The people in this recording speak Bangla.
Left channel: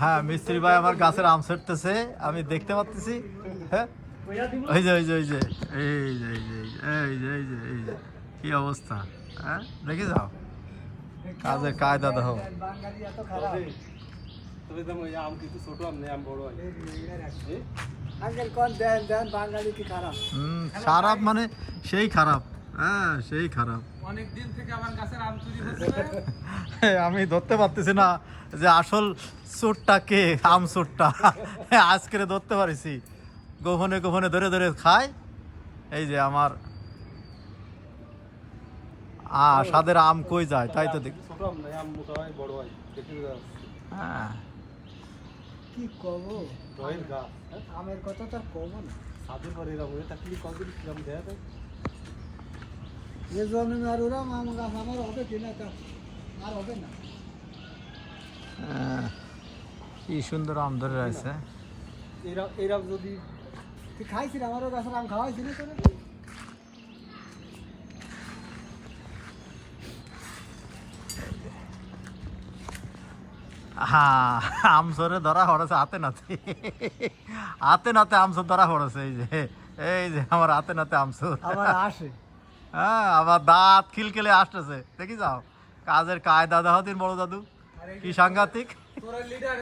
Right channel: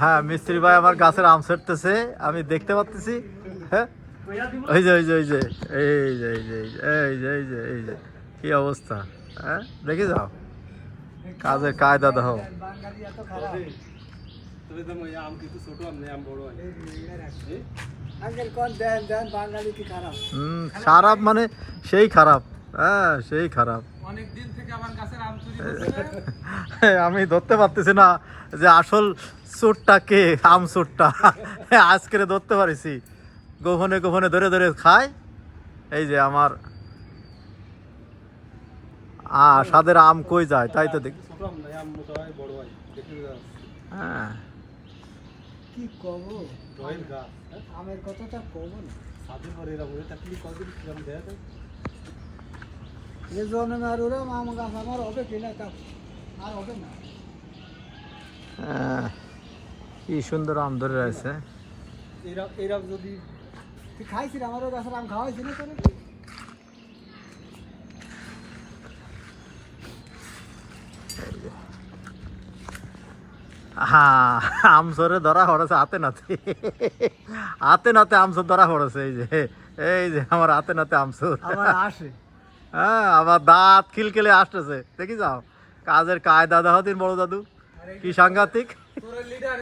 হ্যাঁ মিস্ত্রি ভাই আমার গাছের আম ছেড়তেছে, আমি দেখতে পাচ্ছি। হ্যাঁ ওই যে ওই যে ওই যে এই যে এই যে এই যে এই যে এই যে কি অবস্থা, হ্যাঁ দেখে যাও কাজের কায়দা দেখো। খারাপ মানে সেই খারাপ, হ্যাঁ সেই খারাপ। অনেকদিন থেকে আমার গাছের আম চুরি করছে। আমি ধরতে পারতেছি না যে আসল চোরটা কে, আম চোরটা আজকে ধরতে পারিছি। গোপনে গোপনে ধরে ধরে খায়। এই যে আমার সাদের আম কই যায় তাই তো দেখি। হ্যাঁ কি কব আমের কথা তো কব না। এ জন্য আর ওরা আম গাছ আমার হবে কিনা তা আর হবে না। কি সুন্দর আম ধরে রয়েছে। এরা যদি তুই খাইছিস আমারও গাছের আম খাওয়াইছি না তোরা? হ্যাঁ আমসরে ধরা পড়েছে হাতে নাতে, হাতে নাতে আমসর ধরা পড়েছে। এই যে আমার হাতে নাতে আমসর আমার আসে। হ্যাঁ আমার দাঁত খিলখিলে আসতেছে, দেখি যাও কাজের কায়দা দাও দিন বড় দাদু, কি সাংঘাতিক।